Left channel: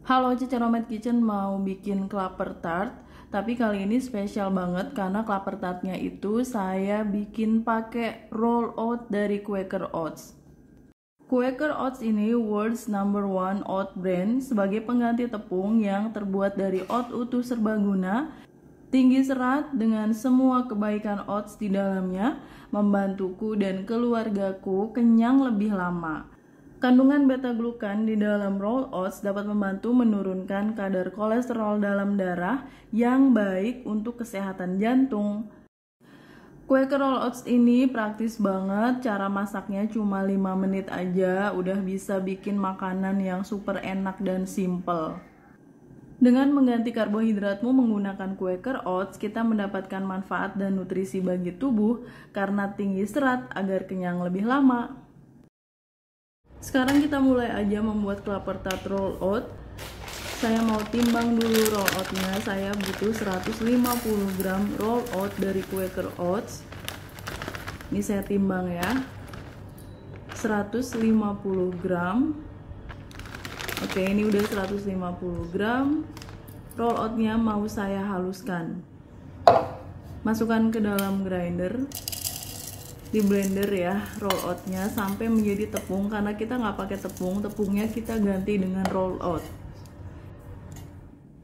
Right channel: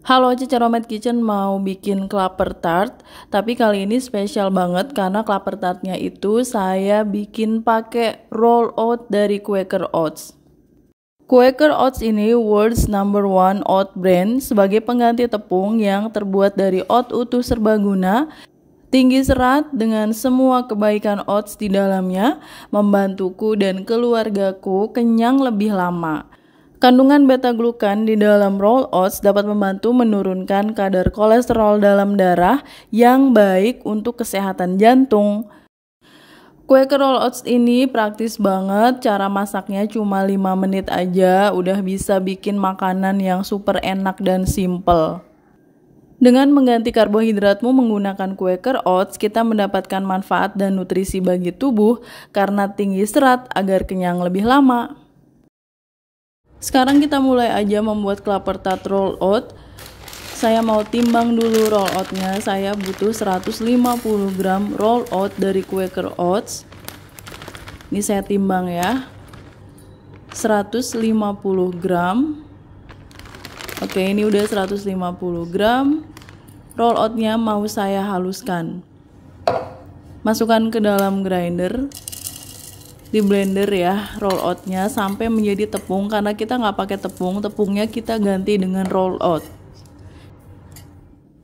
Halo, Cica Romet Kitchen mau bikin klaper tart, tapi kali ini spesial banget karena klaper tartnya itu saya bikin pakai roll oat dari Quaker Oats. Quaker Oats ini world's number one oat brand sebagai pengganti tepung yang terbuat dari oat utuh serbaguna, tinggi serat dengan semua kebaikan oats di dalamnya, membantuku dan keluargaku kenyang lebih lama. Kandungan beta-glukan di dalam roll oats dapat membantu menurunkan kadar kolesterol dalam darah yang baik untuk kesehatan jantung. Quaker Roll Oats ini praktis banget, cara masaknya cuma 5 menit aja udah bisa bikin makanan yang super enak dan simple. Dengan mengganti karbohidratmu menggunakan Quaker Oats, kita mendapatkan manfaat dan nutrisi bagi tubuh karena tinggi serat agar kenyang lebih lama. Sekarang kita mulai aja membuat klaper tart roll oat. Saya mau timbang dulu roll oatnya. Saya butuh 150 gram roll oat dari Quaker Oats. Ini saya timbang ya. 150 gram. Oke, ini udah 150 gram. Roll oatnya mau saya haluskan. Masukkan ke dalam grinder. Di blender ya roll oatnya sampai menjadi tepung, karena kita nggak pakai tepung, tepungnya kita ganti dengan roll oat.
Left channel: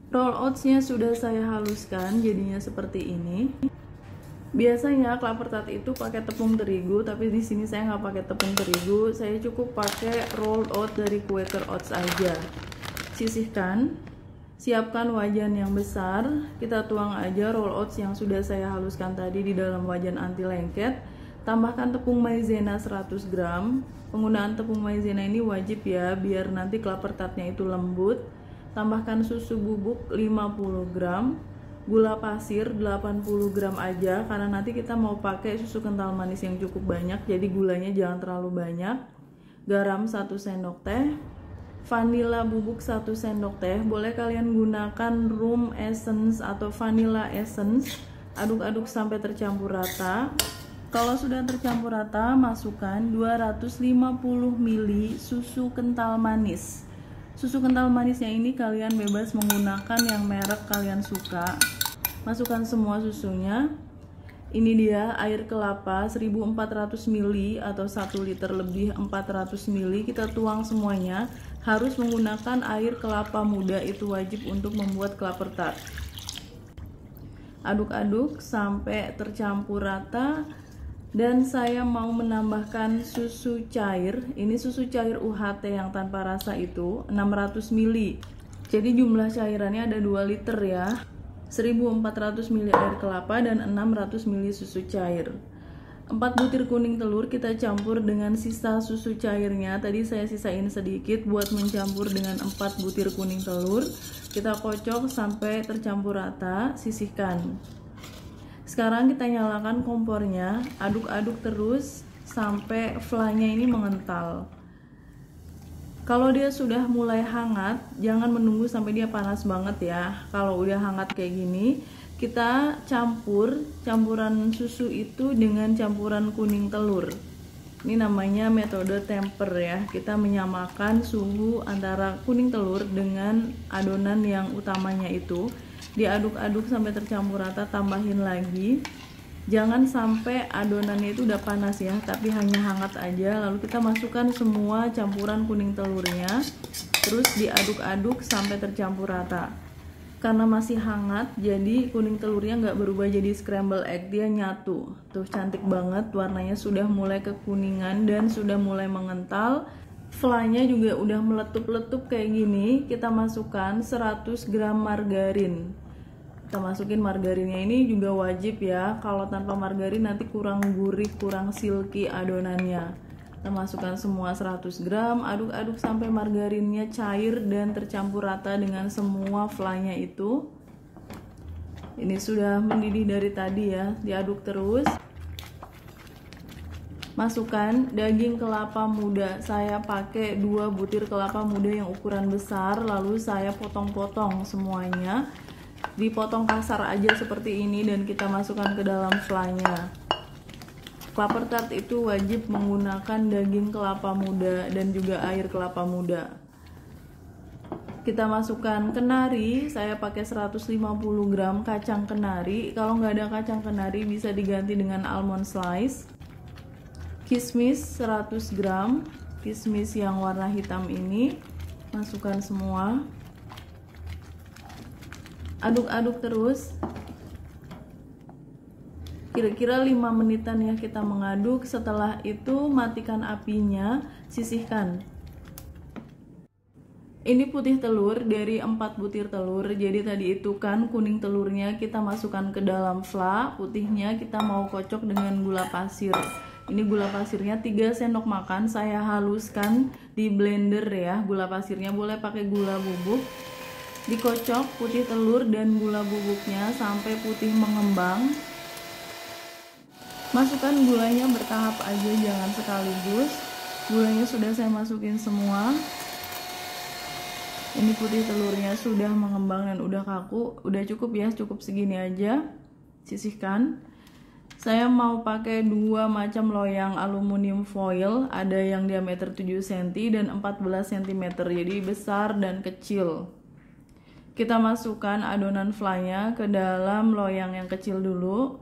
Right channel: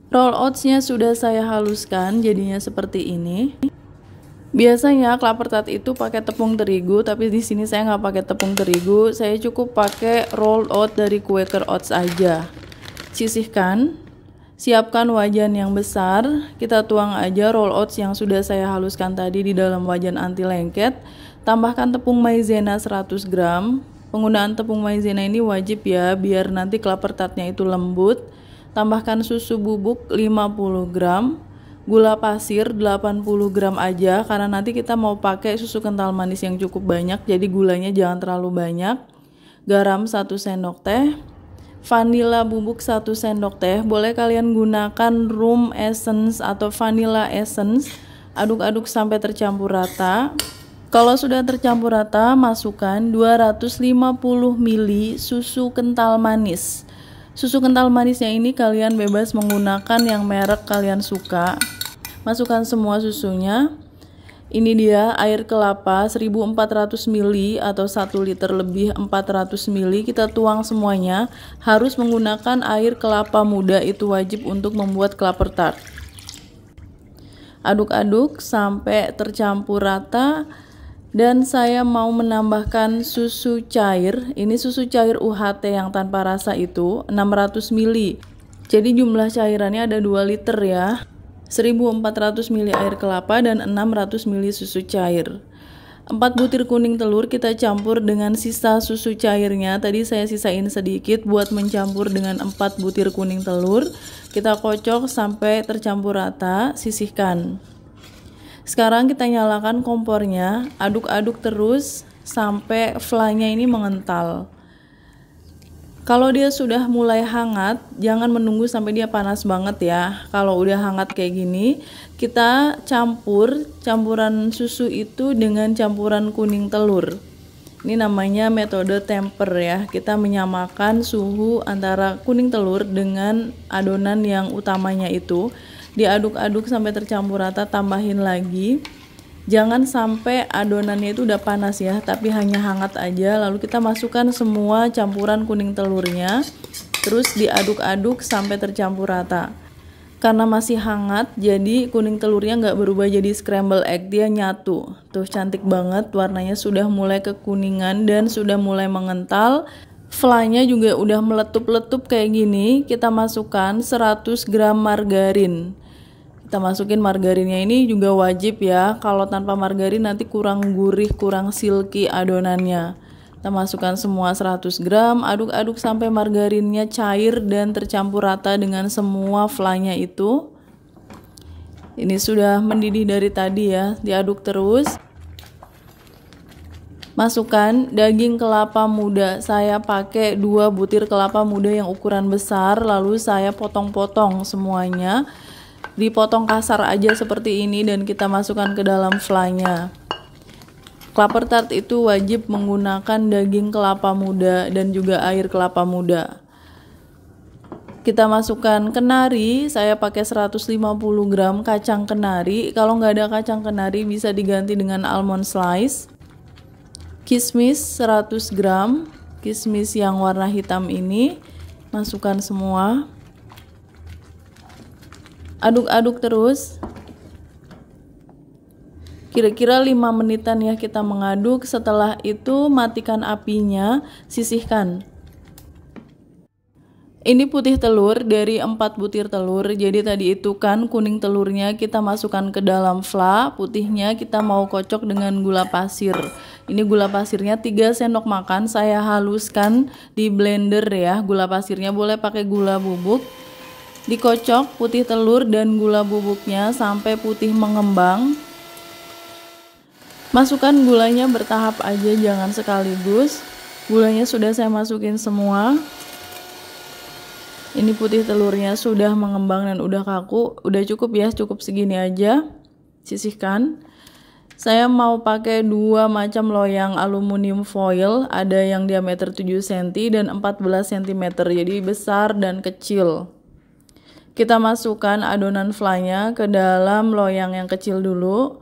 Roll oatsnya sudah saya haluskan jadinya seperti ini. Biasanya klaper tart itu pakai tepung terigu, tapi di sini saya nggak pakai tepung terigu, saya cukup pakai roll oat dari Quaker Oats aja. Sisihkan, siapkan wajan yang besar, kita tuang aja roll oats yang sudah saya haluskan tadi di dalam wajan anti lengket. Tambahkan tepung maizena 100 gram. Penggunaan tepung maizena ini wajib ya, biar nanti klaper tartnya itu lembut. Tambahkan susu bubuk 50 gram. Gula pasir 80 gram aja, karena nanti kita mau pakai susu kental manis yang cukup banyak, jadi gulanya jangan terlalu banyak. Garam 1 sendok teh. Vanila bubuk 1 sendok teh. Boleh kalian gunakan room essence atau vanilla essence. Aduk-aduk sampai tercampur rata. Kalau sudah tercampur rata, masukkan 250 ml susu kental manis. Susu kental manisnya ini kalian bebas menggunakan yang merek kalian suka. Masukkan semua susunya. Ini dia air kelapa 1400 ml atau 1 liter lebih 400 ml. Kita tuang semuanya. Harus menggunakan air kelapa muda, itu wajib untuk membuat klaper tart. Aduk-aduk sampai tercampur rata. Dan saya mau menambahkan susu cair. Ini susu cair UHT yang tanpa rasa itu 600 ml. Jadi jumlah cairannya ada 2 liter ya. 1400 ml air kelapa dan 600 ml susu cair. 4 butir kuning telur kita campur dengan sisa susu cairnya. Tadi saya sisain sedikit buat mencampur dengan 4 butir kuning telur. Kita kocok sampai tercampur rata, sisihkan. Sekarang kita nyalakan kompornya, aduk-aduk terus sampai flanya ini mengental. Kalau dia sudah mulai hangat, jangan menunggu sampai dia panas banget ya. Kalau udah hangat kayak gini, kita campuran susu itu dengan campuran kuning telur. Ini namanya metode temper ya. Kita menyamakan suhu antara kuning telur dengan adonan yang utamanya itu. Diaduk-aduk sampai tercampur rata, tambahin lagi. Jangan sampai adonannya itu udah panas ya, tapi hanya hangat aja. Lalu kita masukkan semua campuran kuning telurnya, terus diaduk-aduk sampai tercampur rata. Karena masih hangat, jadi kuning telurnya nggak berubah jadi scramble egg, dia nyatu. Tuh cantik banget, warnanya sudah mulai kekuningan dan sudah mulai mengental. Flanya juga udah meletup-letup kayak gini. Kita masukkan 100 gram margarin. Kita masukin margarinnya, ini juga wajib ya. Kalau tanpa margarin nanti kurang gurih, kurang silky adonannya. Kita masukkan semua 100 gram, aduk-aduk sampai margarinnya cair dan tercampur rata dengan semua flanya itu. Ini sudah mendidih dari tadi ya, diaduk terus. Masukkan daging kelapa muda. Saya pakai 2 butir kelapa muda yang ukuran besar, lalu saya potong-potong semuanya. Dipotong kasar aja seperti ini dan kita masukkan ke dalam flanya. Klaper tart itu wajib menggunakan daging kelapa muda dan juga air kelapa muda. Kita masukkan kenari, saya pakai 150 gram kacang kenari. Kalau nggak ada kacang kenari bisa diganti dengan almond slice. Kismis 100 gram, kismis yang warna hitam ini masukkan semua. Aduk-aduk terus. Kira-kira 5 menitan ya kita mengaduk. Setelah itu matikan apinya, sisihkan. Ini putih telur dari 4 butir telur. Jadi tadi itu kan kuning telurnya kita masukkan ke dalam fla, putihnya kita mau kocok dengan gula pasir. Ini gula pasirnya 3 sendok makan, saya haluskan di blender ya. Gula pasirnya boleh pakai gula bubuk. Dikocok putih telur dan gula bubuknya sampai putih mengembang. Masukkan gulanya bertahap aja, jangan sekaligus. Gulanya sudah saya masukin semua. Ini putih telurnya sudah mengembang dan udah kaku. Udah cukup ya, cukup segini aja. Sisihkan. Saya mau pakai 2 macam loyang aluminium foil. Ada yang diameter 7 cm dan 14 cm. Jadi besar dan kecil. Kita masukkan adonan flanya ke dalam loyang yang kecil dulu.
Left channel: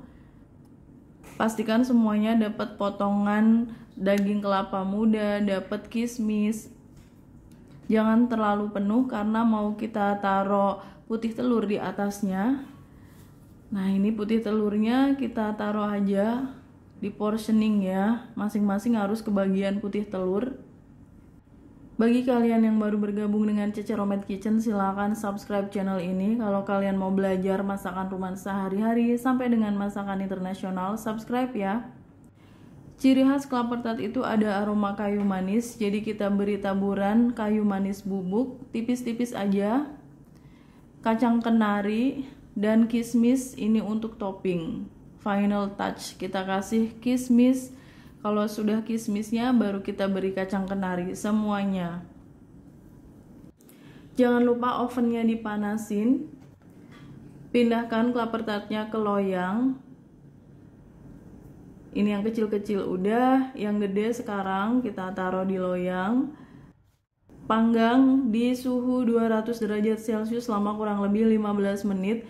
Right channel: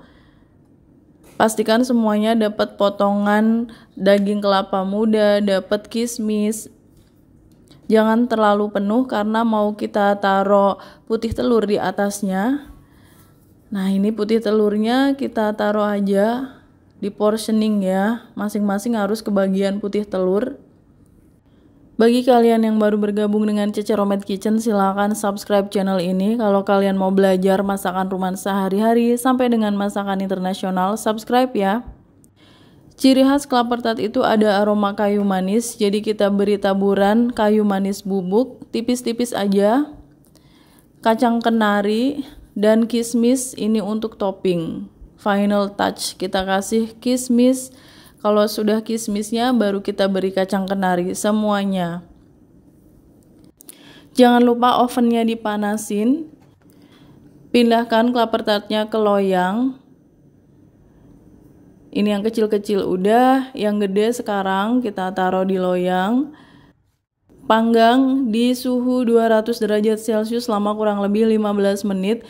Pastikan semuanya dapat potongan daging kelapa muda, dapat kismis. Jangan terlalu penuh karena mau kita taruh putih telur di atasnya. Nah, ini putih telurnya kita taruh aja di portioning ya. Masing-masing harus kebagian putih telur. Bagi kalian yang baru bergabung dengan Cece Romet Kitchen, silakan subscribe channel ini. Kalau kalian mau belajar masakan rumahan sehari-hari sampai dengan masakan internasional, subscribe ya. Ciri khas klaper tart itu ada aroma kayu manis, jadi kita beri taburan kayu manis bubuk, tipis-tipis aja. Kacang kenari dan kismis ini untuk topping. Final touch, kita kasih kismis. Kalau sudah kismisnya baru kita beri kacang kenari semuanya. Jangan lupa ovennya dipanasin. Pindahkan klaper tartnya ke loyang. Ini yang kecil-kecil udah, yang gede sekarang kita taruh di loyang. Panggang di suhu 200 derajat Celcius selama kurang lebih 15 menit.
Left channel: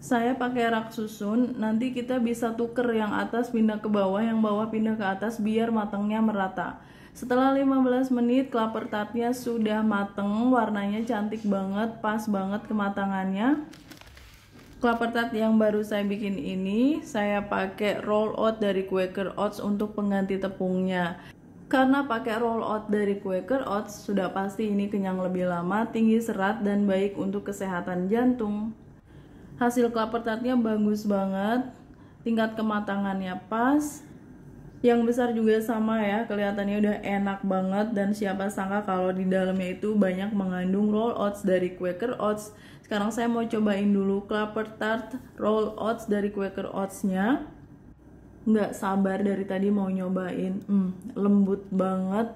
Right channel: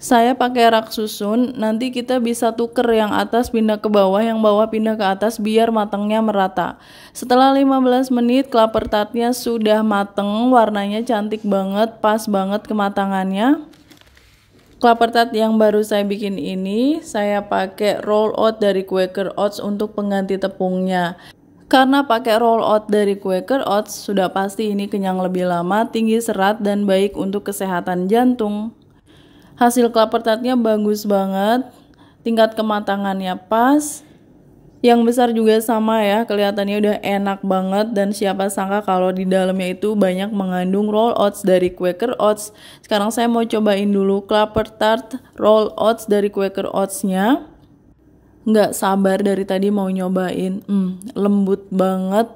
Saya pakai rak susun, nanti kita bisa tuker yang atas pindah ke bawah, yang bawah pindah ke atas biar matangnya merata. Setelah 15 menit klaper tartnya sudah mateng, warnanya cantik banget, pas banget kematangannya. Klaper tart yang baru saya bikin ini, saya pakai roll out dari Quaker Oats untuk pengganti tepungnya. Karena pakai roll out dari Quaker Oats, sudah pasti ini kenyang lebih lama, tinggi serat, dan baik untuk kesehatan jantung. Hasil klaper tartnya bagus banget, tingkat kematangannya pas. Yang besar juga sama ya, kelihatannya udah enak banget, dan siapa sangka kalau di dalamnya itu banyak mengandung roll oats dari Quaker Oats. Sekarang saya mau cobain dulu klaper tart roll oats dari Quaker Oats-nya. Nggak sabar dari tadi mau nyobain. Lembut banget,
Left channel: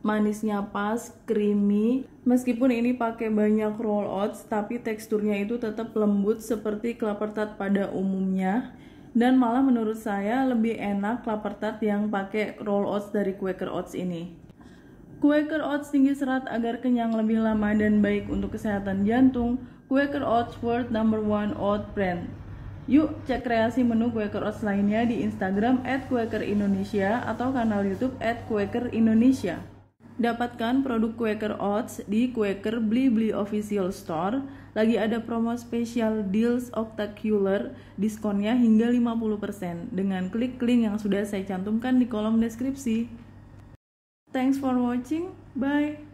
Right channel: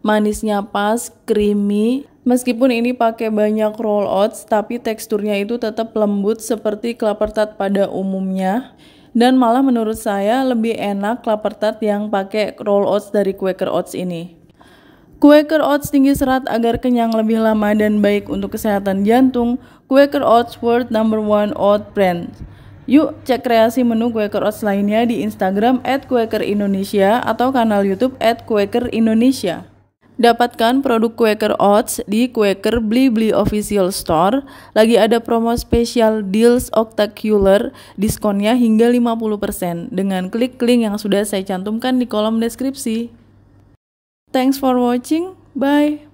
manisnya pas, creamy. Meskipun ini pakai banyak roll oats, tapi teksturnya itu tetap lembut seperti klaper tart pada umumnya. Dan malah menurut saya lebih enak klaper tart yang pakai roll oats dari Quaker Oats ini. Quaker Oats tinggi serat agar kenyang lebih lama dan baik untuk kesehatan jantung. Quaker Oats World #1 Oat Brand. Yuk cek kreasi menu Quaker Oats lainnya di Instagram @quakerindonesia atau kanal YouTube @quakerindonesia. Dapatkan produk Quaker Oats di Quaker Blibli Official Store. Lagi ada promo spesial Deals Octacular, diskonnya hingga 50% dengan klik link yang sudah saya cantumkan di kolom deskripsi. Thanks for watching, bye.